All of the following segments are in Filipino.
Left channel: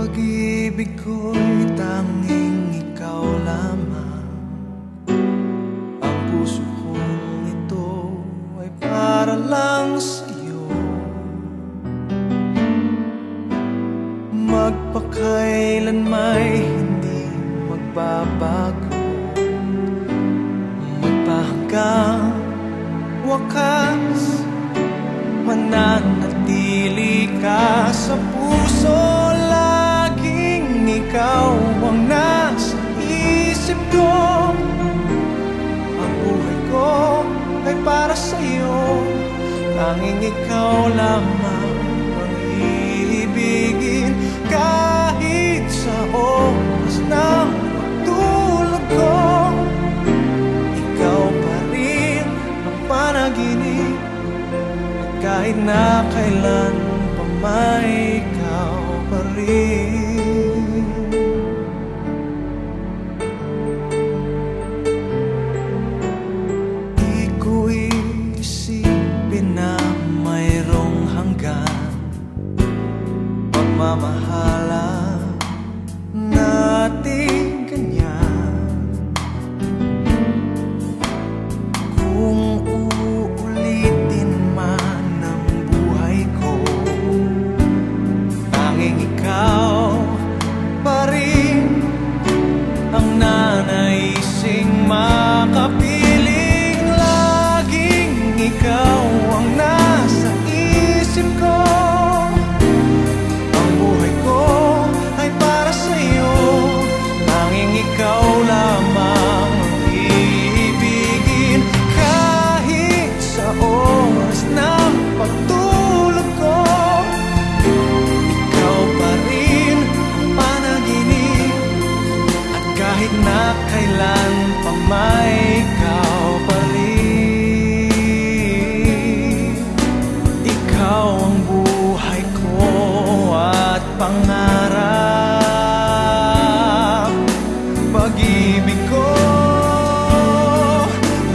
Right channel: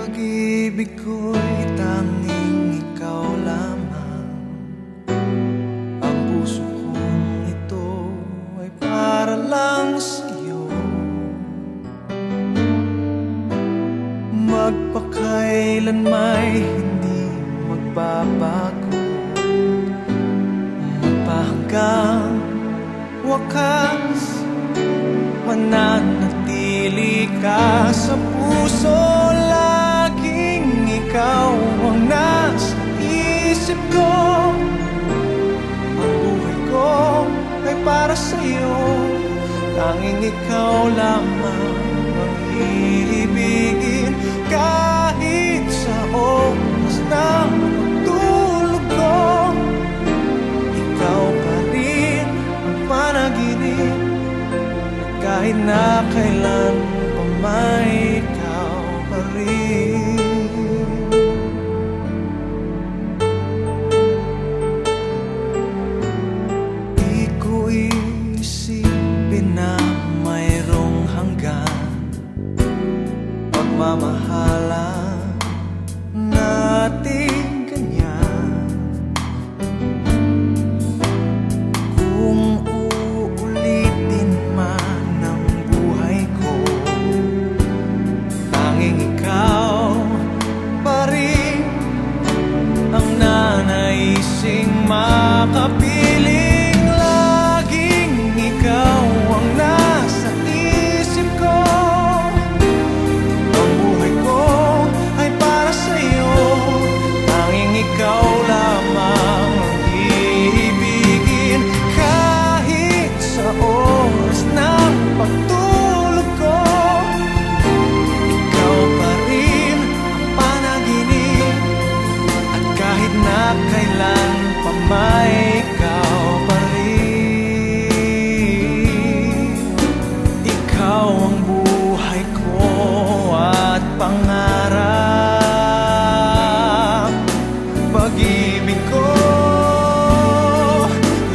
Pag-ibig ko'y tanging ikaw lamang. Ang puso kong ito ay para lang sa'yo. Magpakailan may hindi magbabago, magpahanggang wakas, mananatili ka sa puso. Laging ikaw ang nasa isip ko. Ang buhay ko ay para sa'yo. Tanging ikaw lamang ang iibigin. Kahit sa oras ng pagtulog ko, ikaw pa rin ang panaginip. At kahit na kailan pa may ikaw pa rin. Di ko isipin na mayroong hanggan pagmamahalan natin ganyan. Kung uulitin man ang buhay ko, tanging ikaw pa rin ang nanaising makapiling. Laging ikaw ang nasa isip ko. Ang buhay ko ay para sa'yo. Tanging ikaw lamang ang iibigin. Kahit sa oras ng pagtulog ko, ikaw pa rin ang panaginip. At kahit na kailan pa may ikaw pa rin. Ikaw ang buhay ko at pangarap. Pag-ibig ko,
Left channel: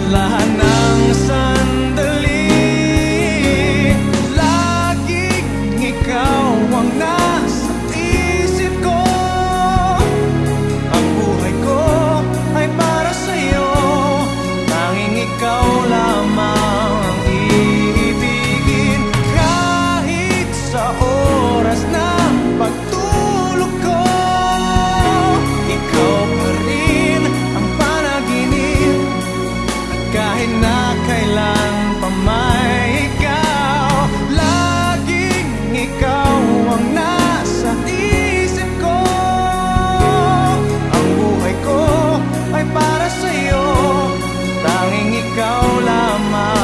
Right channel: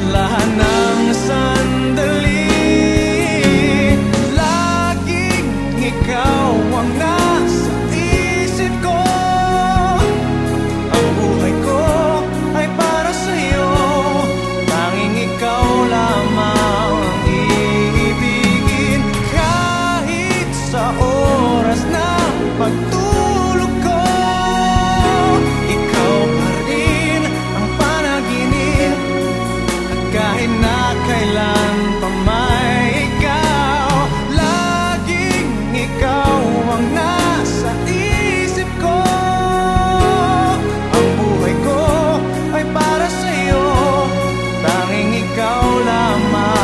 lahat ng sandali. Laging ikaw ang nasa isip ko. Ang buhay ko ay para sa'yo. Tanging ikaw lamang ang iibigin. Kahit sa oras ng pagtulog ko, ikaw pa rin ang panaginip. At kahit na kailan pa may ikaw, laging ikaw ang nasa isip ko. Ang buhay ko ay para sa'yo. Tanging ikaw lamang